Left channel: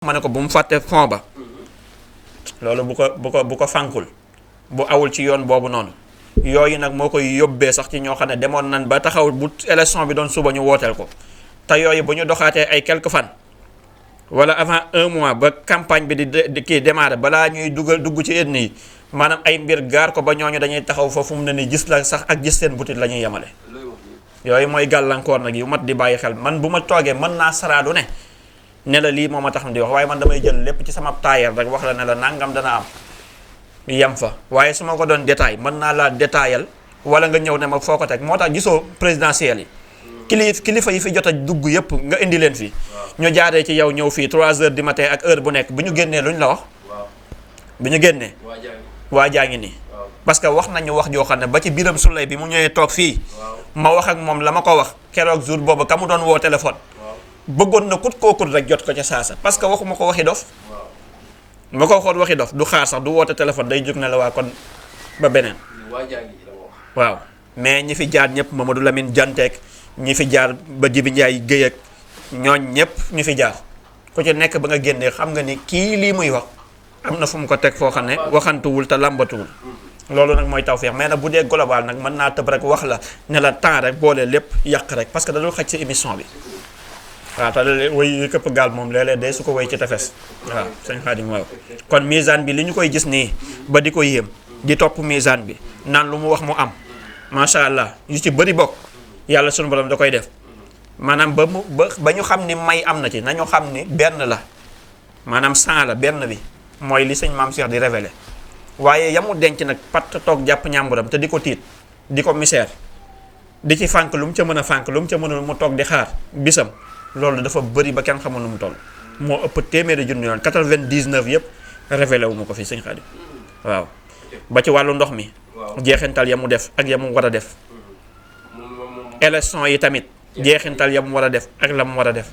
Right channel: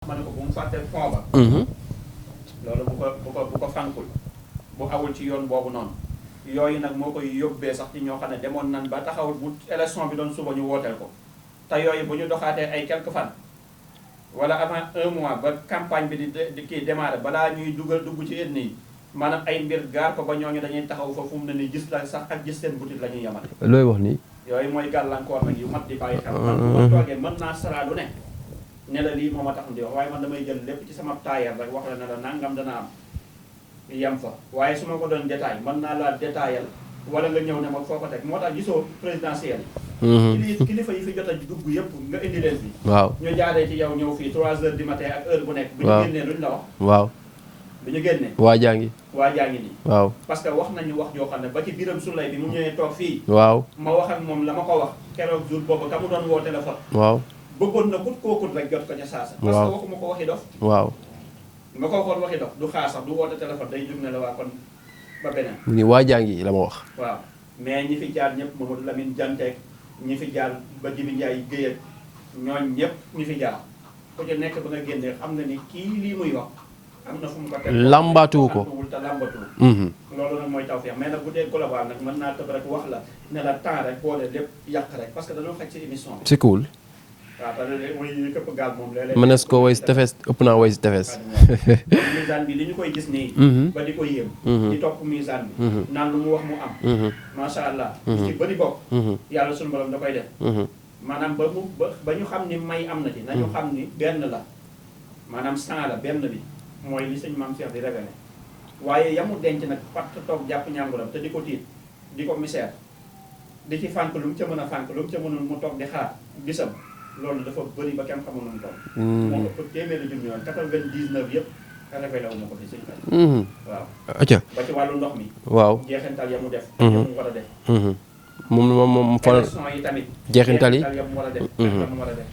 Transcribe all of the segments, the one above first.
ma ne ko bu mu fàtte fond ba. loolu bu ko fànkul bu awul ci yoon boobu noonu yooyu nag moo koy yóbbee sax ci ñoo xam ne demoon nan ba taxaw bu élection bi doon suba ñu wooteel ko te yooyu bu ñu doxaatee ay quelques fan wala avant un mois ba campagne bi di kii démarré balaa ñuy dugg ci yenn yi maanaam ay mbir gaar ko ba ñooñu dañuy taxaw foofu mu ne ni gis la sax ak gis seen butit la ñuy yemale. looy wax nii. yooyu mooy gàllankoor nag yu mat di bàyyi xel man bu ma toogee mën naa saraadu ne la lii moo ma tax di wax waaye man damay jël lépp ci sama taayal rek wax la ne la nangam dana am yem fa waaye su ma ko doon détail mën naa laa détaayal wala nga ñëw ne ma foo ko teg moo tax gisoo présidentielle yi. kilifa yi fi jot a dugg yëpp nga indi leen fii. waaw ñu jaaree ci yow ñëw fii 3 heures du matin ak heure bu nekk. bu ñu génnee luñ la wax. waaw bu ñu génnee. waa jaa ngi nii. waaw parce que wax nañu wax joo xam ne ba ci biram sulay bi mu ñëwee toog fii. waaw ma wax ak moom la ma ko wax keroog jour boobu ka mu doon woo téléphone. waaw bëggoon na kut kookut rek jot ko ca saasa. parce que waxuma ko waxi dof. waaw ma ko waxoon waxi dof du xaar sax du woote téléphone day jóg ne la waa kon ba beneen. ni waa jaa ngi la ma wax. waaw mais ñi fi jaar ñëpp Mamadou Lamine Dianteek ñi fi jaar ba Jibi Ndiaye Guèye ak ñooñ ñëpp ñu fi jaar ku ci nekk ba nga génnee xam nga ni kii lii muy wax am na fu mu ko teg foo xam ne waxantuwul te lambatuwul loolu nag mooy tawfeex mais nag bu dee global nag mën naa tëb rek wax la ne la temps rek boole lépp yàq rek parce que da dul xaj ci émission bi c'est cool. waaw te léeg-léeg way këpp gaal moom léeg-léeg su ko way ci tefes ëpp naa way ci tefes waaw kon misaan bi li ñu koy gis nii ba di ko yéem di topp misaan bi naan lu mu wax mu am macha allah yu ci bëri bokk yàlla sunu borom da koy def maanaam ba ñu xam ni may am na ci nañu xam ni benn la maanaam 100 la benn bi mooy li sëñ Maam Cheikh di révélé waaye yamu denc nag pat toog jàpp ñàmburam te di ko tiit di ko misère di ci fànk lu mu ca mën a fànk lu mu ca mënul mu toog di xaar bisam loolu dafa bëri ba kenn xamul nu mu toll. moo ëpp téeméeri junni yoon 99 yëpp révélé wu ma ko fi sëñ Xaadim. waaw. ba ci wàllu ndox mi. waaw jeexintal ya mu def. ak ya mu war a def. moom élection yi tamit. jeexintal ya mu war a def. ak la mu war a def.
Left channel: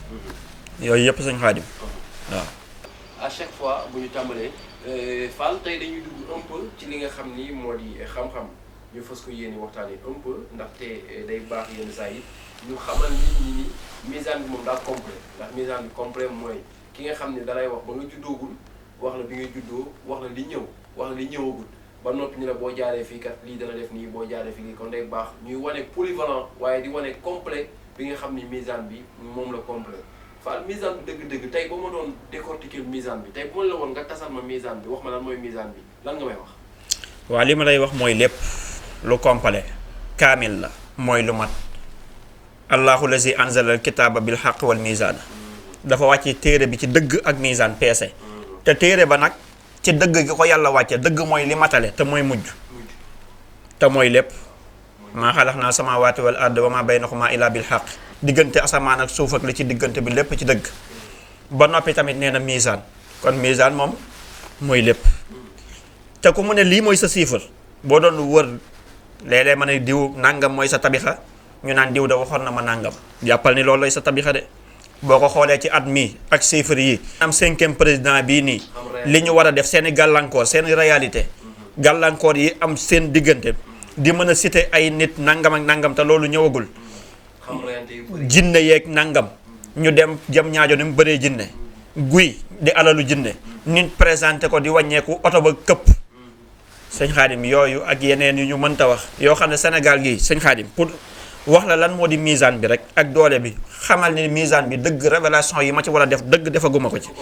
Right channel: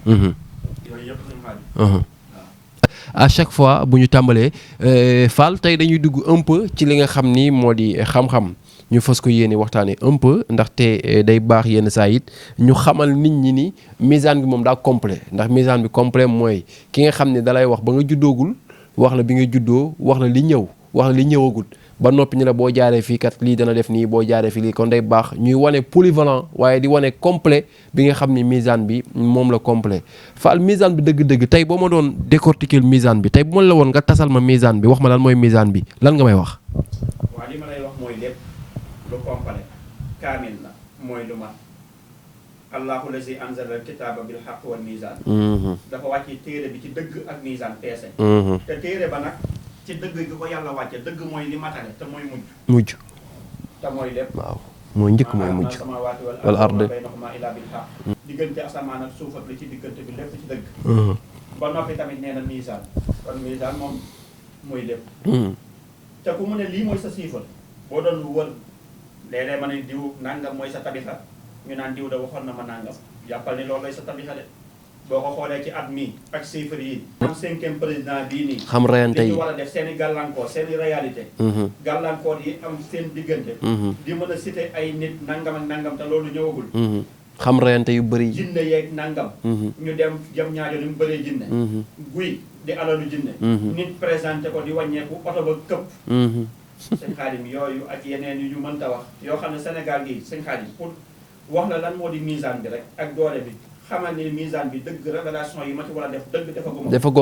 yooyu yëpp sëñ Xaadim. waaw. à chaque fois bu ñu tàmbalee Fall tey dañuy dugg un peu ci li nga xam ni moo di xam-xam. ñu fas ko yéene waxtaanee un peu ndaxte day baax yenn saa it ñu xamal nit ñi ni misaan bi moom daa complet ndax misaan bi complet mooy ki nga xam ne dalay wax ba nga juddoogul wax la bi nga juddoo wax la li ñëw wax la li ñëwagul ba noppi ñu la boo jaaree fii kat lii dana def nii boo jaaree fii lii kon day baax ñuy wane polyvalent waaye di wane complet bi nga xam ni misaan bi moom la complet Fall misaan bi dëgg-dëgg tey boo ma doon décortiquer misaan bi tey bu ma la woon nga tasal ma misaan bi wax ma lan mooy misaan bi lan nga may wax. waaw li ma lay wax mooy lépp. lu complet kaamil la mooy lu mat allahu lazi anzala al kitaaba bil haqq wal mizaan dafa wàcce téere bi ci dëgg ak mizaan peese te téere ba nag ci dëgg gi ko yàlla wàcce dëgg mooy li matale te mooy mujj te mooy lépp waaw maa xalaqnaa samaawaati wal arda wa maa baynahumaa illaa bil haqq diggante asamaan ak suuf ak li ci diggante bi lépp ci dëgg ba noppi tamit nee na mizaan kon mizaan moom mooy lépp te ku mu ne lii mooy sa chiffre boo doon wër léeg-léeg ma ne diw nangam mooy sa tabixa ñu naan diw da waxoon na ma nangam jàppal ni loolu lay sa tabixa de boo ko xoolee ci at mi ak chiffres yi am 5e président bii nii li ñu war a def seeni gàllankoor seeni réalité gàllankoor yi am seen diggante di mën a citer ay nit nangam ak nangam te loolu ñëwagul xam reyante yu bëri jinne yeeg nangam ñu dem jëm ñaajo ni mu bëree jinne guy di alalu jinne nit présenté ko di wàññeeku oto ba këpp sëñ Xaadim yooyu ak yeneen yu ñu mënta wax yoo xam ne Sénégal gii sëñ Xaadim pour wax la lan moo di misaan bi rek ak doole bi xamal ni misaan bi dëgg révélation yi ma ci war a def dëgg defaguma ko